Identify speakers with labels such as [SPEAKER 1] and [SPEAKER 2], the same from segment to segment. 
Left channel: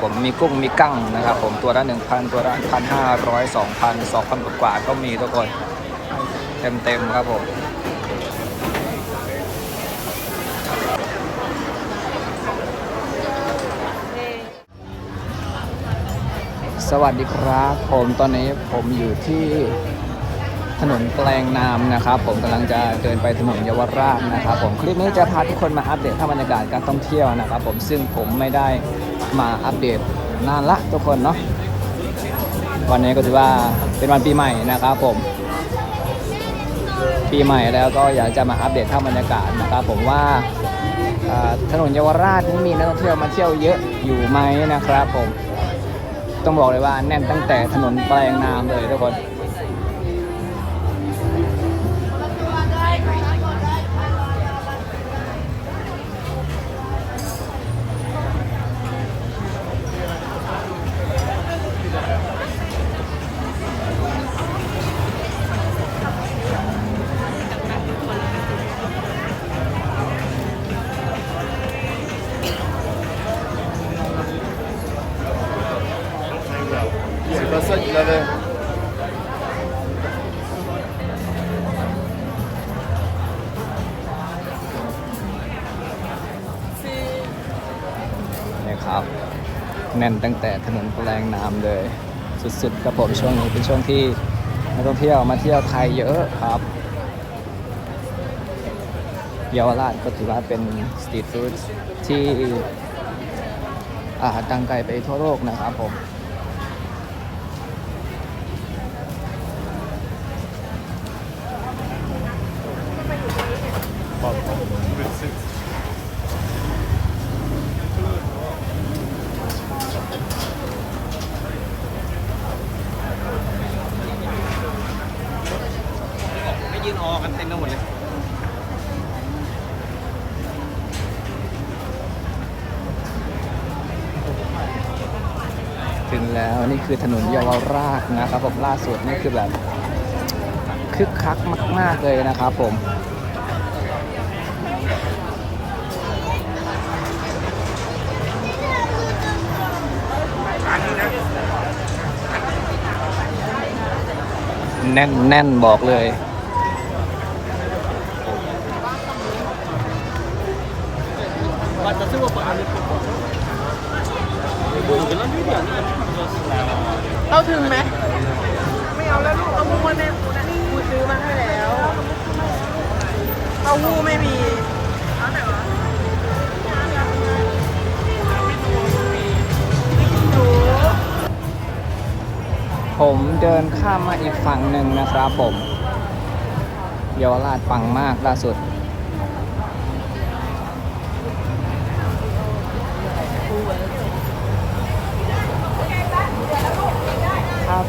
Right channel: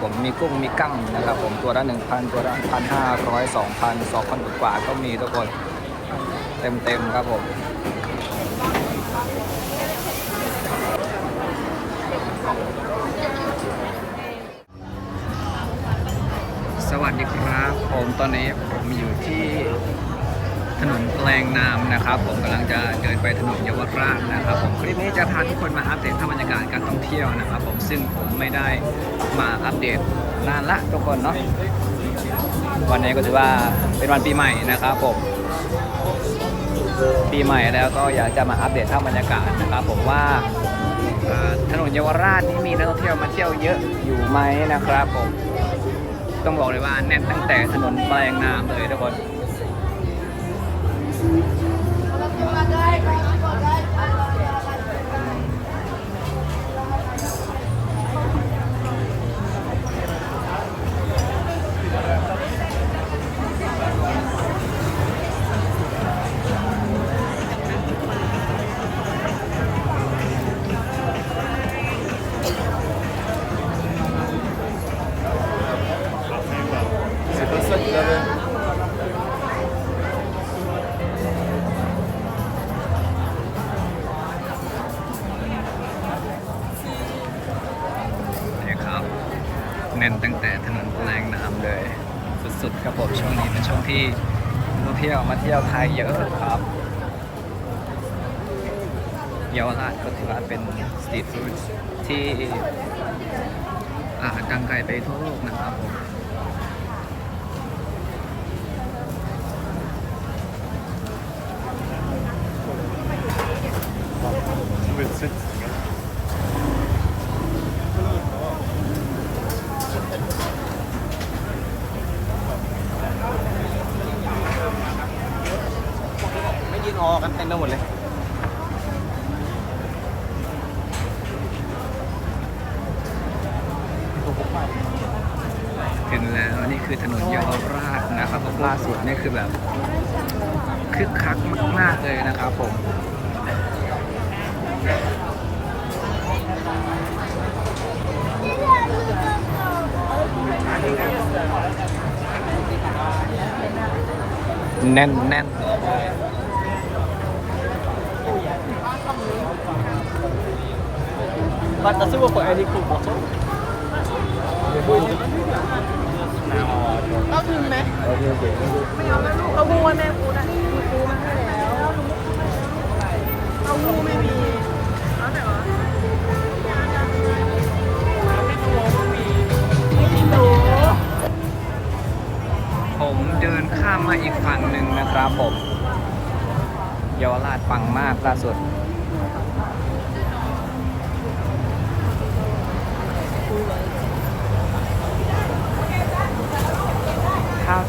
[SPEAKER 1] ผมมีกุ้งมีกั้งนะครับ ผมตัวละ1,000 ตัวละ1,500 2,000 2,000กว่าก็มีทุกคนเต็มๆครับผมสวัสดีครับ ผมตอนนี้ผมอยู่ที่ถนนแปลงนามนะครับ ผมกำลังจะเดินไปถนนเยาวราชนะครับ ผมคลิปนี้จะพาทุกคนมาอัปเดตภาพบรรยากาศการท่องเที่ยวนะครับ ผมซึ่งผมไม่ได้ มาอัปเดตนานละทุกคนเนาะวันนี้ก็ถือว่าเป็นวันปีใหม่นะครับผม ปีใหม่แล้วก็อยากจะมาอัปเดตภาพบรรยากาศนะครับผมว่าถนนเยาวราชมีนักท่องเที่ยวมาเที่ยวเยอะอยู่ไหมนะครับผม ต้องบอกเลยว่าแน่นตั้งแต่ถนนแปลงนามเลยทุกคน แต่ถนนแปลงน้ำเลย สุดๆครับผมช่วงนี้เป็นช่วงที่นักท่องเที่ยวมาเที่ยวไทยเยอะครับเยาวราชก็ถือว่าเป็นสตรีทฟู้ดที่อ่าดังไกลไปทั่วโลกนะครับผม
[SPEAKER 2] Merci.
[SPEAKER 1] ไม่ยืนออกันเต็มไปหมดเลย ถึงแล้วนี่ คือถนนเยาวราชนะครับผมล่าสุดนี่คือแบบคึกคักมาก ๆ เลยนะครับผมแน่นแน่นบอกเลย
[SPEAKER 3] Basta se vuoi fare di più. เอาถึงไหมไม่เอาแล้วลูกเอางูมาเนี่ยคุณนี่ซื้อมาให้แล้วสมมติซื้อมาให้แล้วลูกเอางูไม่มีเอาไหนวะยา
[SPEAKER 1] ผมเดินข้ามมาอีกฝั่งหนึ่งนะครับผมเยาวราชปังมากล่าสุด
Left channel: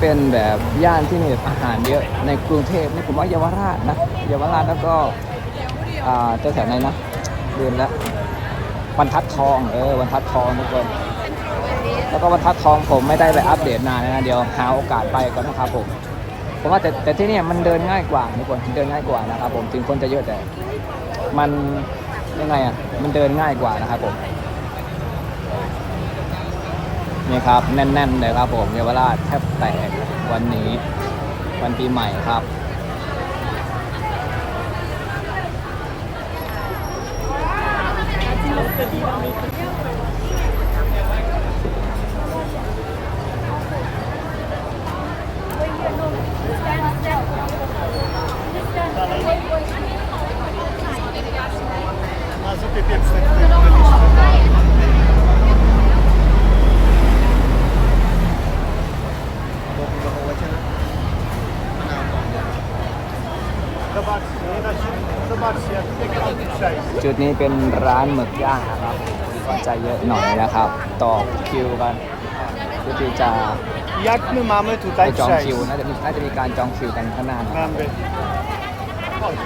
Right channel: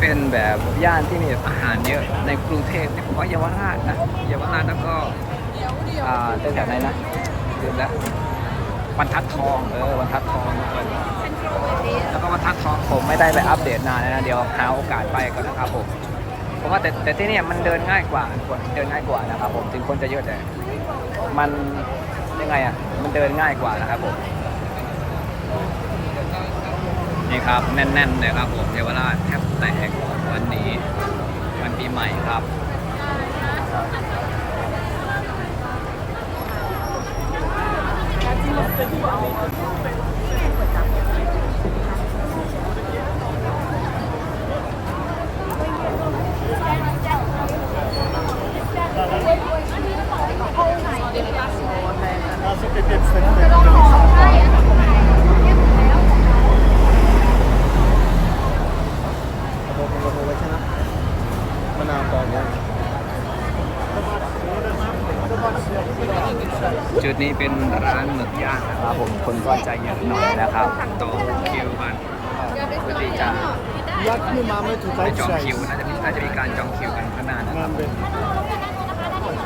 [SPEAKER 1] เป็นแบบย่านที่มีแบบอาหารเยอะในกรุงเทพนี่ผมว่าเยาวราชนะเยาวราชแล้วก็อ่าเจ้าจากไหนนะลืมแล้วบรรทัดทองเออบรรทัดทองทุกคนแล้วก็บรรทัดทองผมไม่ได้ไปอัปเดตนานนะเดี๋ยวหาโอกาสไปก็นะครับผมผมว่าแต่แต่ที่นี่มันเดินง่ายกว่าทุกคนเดินง่ายกว่านะครับผมถึงคนจะเยอะแต่มันยังไงอะมันเดินง่ายกว่านะครับผม นี่ครับแน่นๆเลยครับผมเยาวราชแทบแตกวันนี้วันปีใหม่ครับ จุดนี้เป็นร้านหมึกย่างนะครับผมคนก็ใจเยอะหน่อยนะครับ ต่อคิวกันเพื่อที่จะ
[SPEAKER 2] Jak my mamy
[SPEAKER 1] ไป
[SPEAKER 2] tutaj
[SPEAKER 1] จองคิว
[SPEAKER 2] przejść?
[SPEAKER 1] น่าจะมีน่าจะมีการจองคิวกันข้างหน้านะครับ
[SPEAKER 2] Mamy.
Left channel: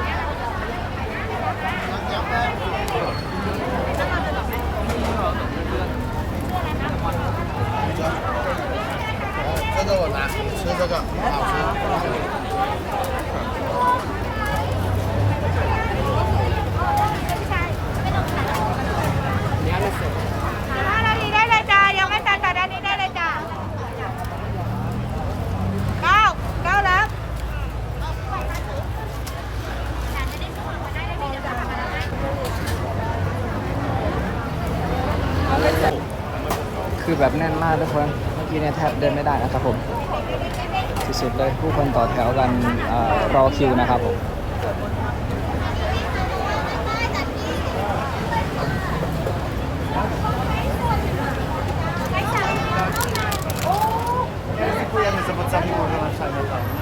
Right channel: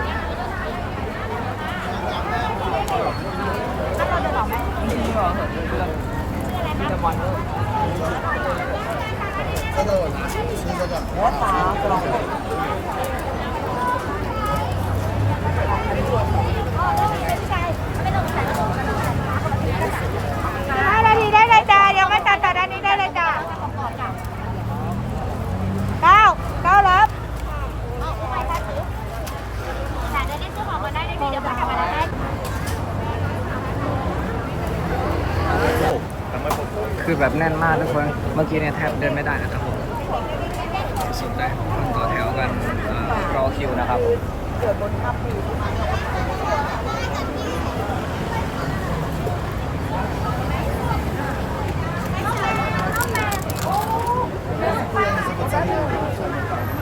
[SPEAKER 2] Co to ona? Co to taka?
[SPEAKER 4] ห้านาทีได้เลยจ้ายังไม่ทันจะได้
[SPEAKER 1] แบบแน่นมากทุกคน เมื่อกี้เนี่ยแทบเดินไม่ได้นะครับผมสุดๆเลยผู้คนต่อแถวกันรอคิวนะครับ
[SPEAKER 2] Dziękujemy za podstawienie wyłączania tam, nie?
[SPEAKER 4] Tutaj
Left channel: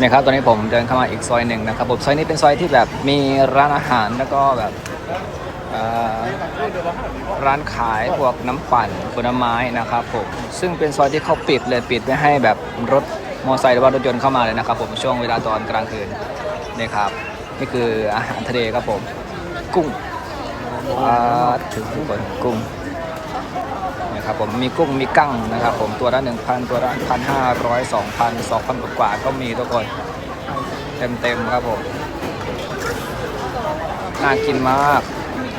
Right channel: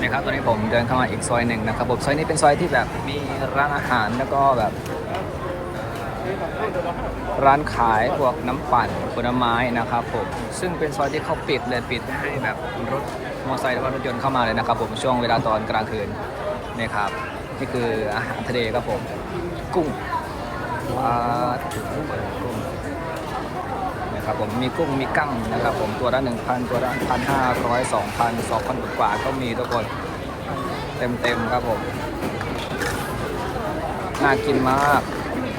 [SPEAKER 1] นี่ยครับตอนนี้ผมเดินเข้ามาอีกซอยหนึ่งนะครับผมซอยนี้เป็นซอยที่แบบมีร้านอาหารแล้วก็แบบร้านขายพวกน้ำปั่นผลไม้นะครับผมซึ่งเป็นซอยที่เขาปิดเลยปิดไม่ให้แบบรถมอเตอร์ไซค์หรือว่ารถยนต์เข้ามาเลยนะครับผมช่วงเวลาตอนกลางคืนนี่ครับนี่คืออาหารทะเลครับผมกุ้งปลาทุกคนกุ้ง นะครับผมมีกุ้งมีกั้งนะครับผมตัวละ1,000 ตัวละ1,500 2,000 2,000กว่าก็มีทุกคนเต็มๆครับผม น่ากินมาก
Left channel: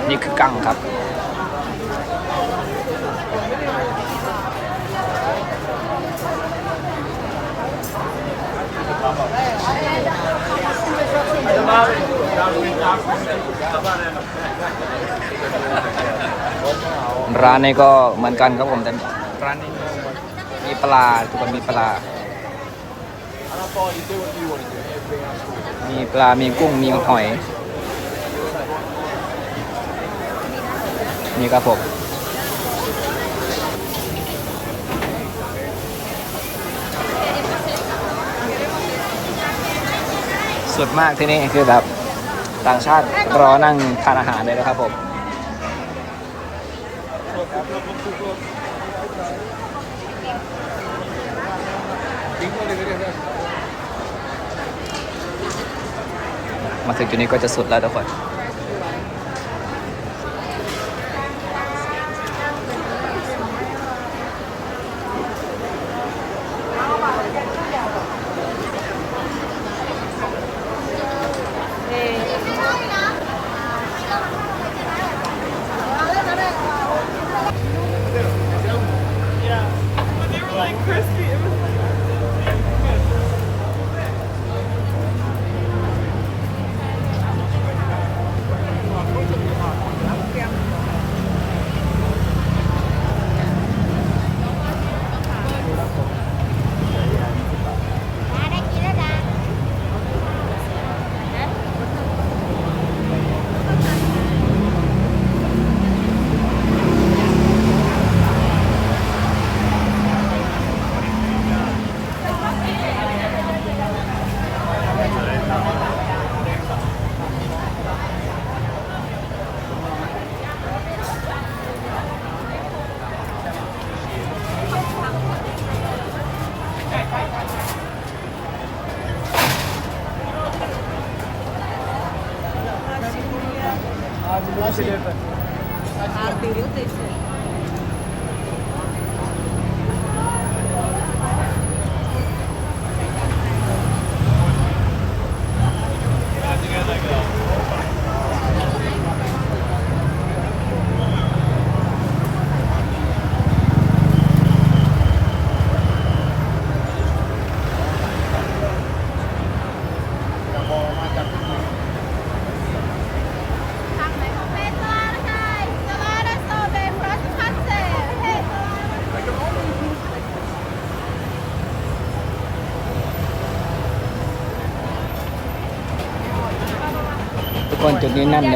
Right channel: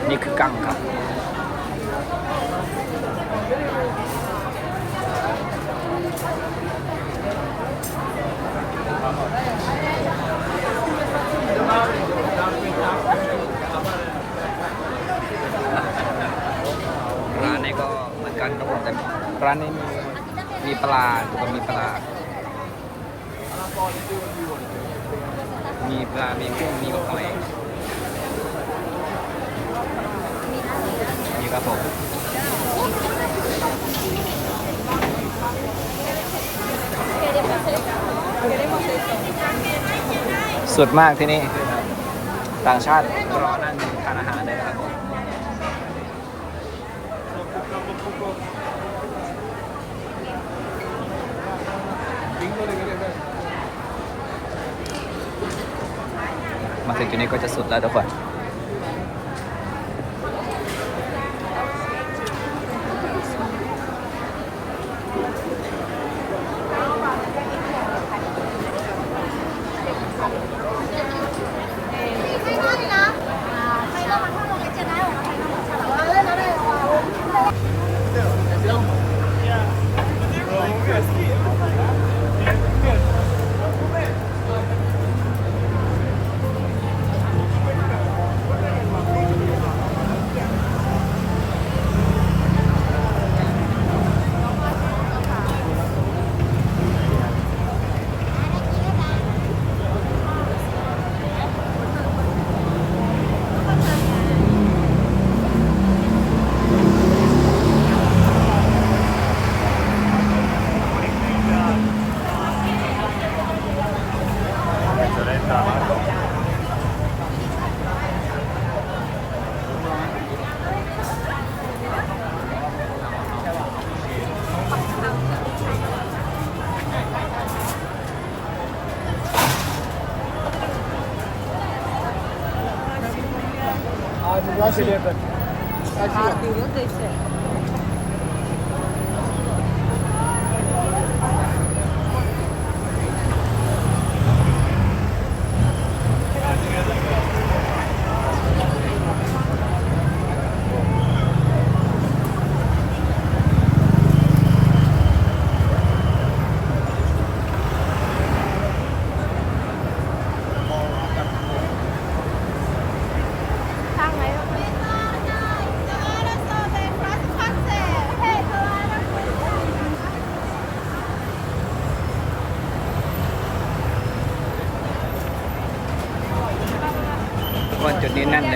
[SPEAKER 1] นี่คือกั้งครับ ร้านนี้ก็เหมือนกันครับผมแต่ร้านนี้มีมีปลาทุกคนมีปลา มีปลา มีกุ้ง มีหอย นี่ครับผมสุดมากที่นี่คือแบบต่างชาติรอนั่งทานอาหารเลยนะครับผม มาถึงจุดนี้ก็จะสุดแล้วทุกคน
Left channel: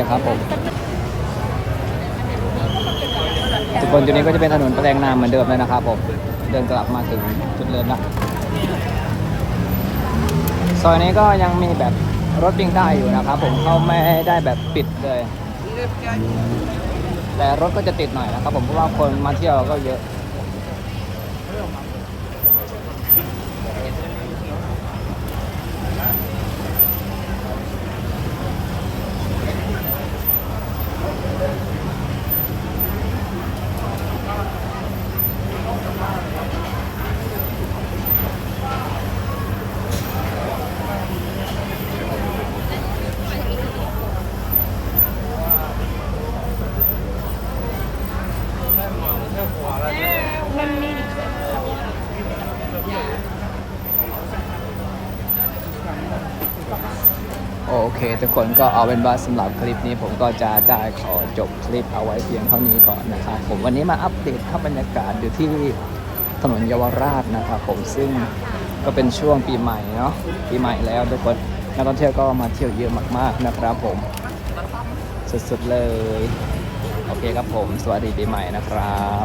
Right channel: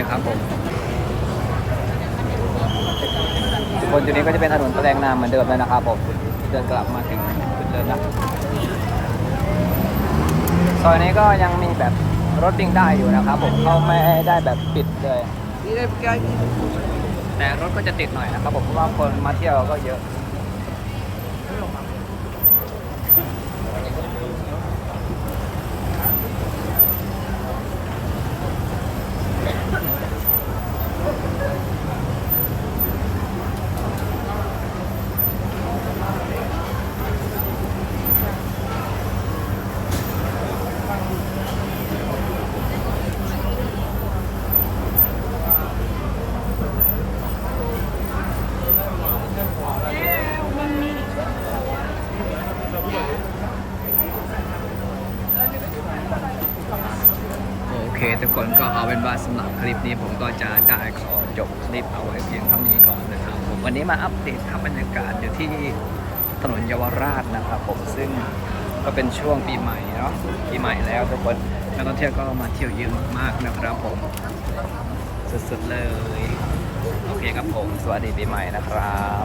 [SPEAKER 1] ครับผมจุดนจุดนี้ก็จะเป็นถนนแปลงในเหมือนเดิมเลยนะครับผมเดินกลับมาถึงจุดเดินนะซอยนี้ก็ยังมีแบบรถวิ่งได้อยู่นะครับผมไม่ได้แบบปิดเลยแต่รถก็จะติดหน่อยนะครับผมเพราะคนมาเที่ยวก็เยอะ ทุกคนก็เอาเป็นว่าสำหรับคลิปนี้ผมก็จะได้ขอจบคลิปเอาไว้เพียงเท่านี้ก่อนนะครับผมวันนี้มาอัปเดตครับบรรยากาศอยู่ที่ถนนเยาวราชนะครับผมซึ่งก็เป็นช่วงปีใหม่เนาะปีใหม่แล้วทุกคนนักท่องเที่ยวก็มาเที่ยวเยอะมากๆนะครับผมสุดๆเลย โอเคครับผม สวัสดีปีใหม่นะครับ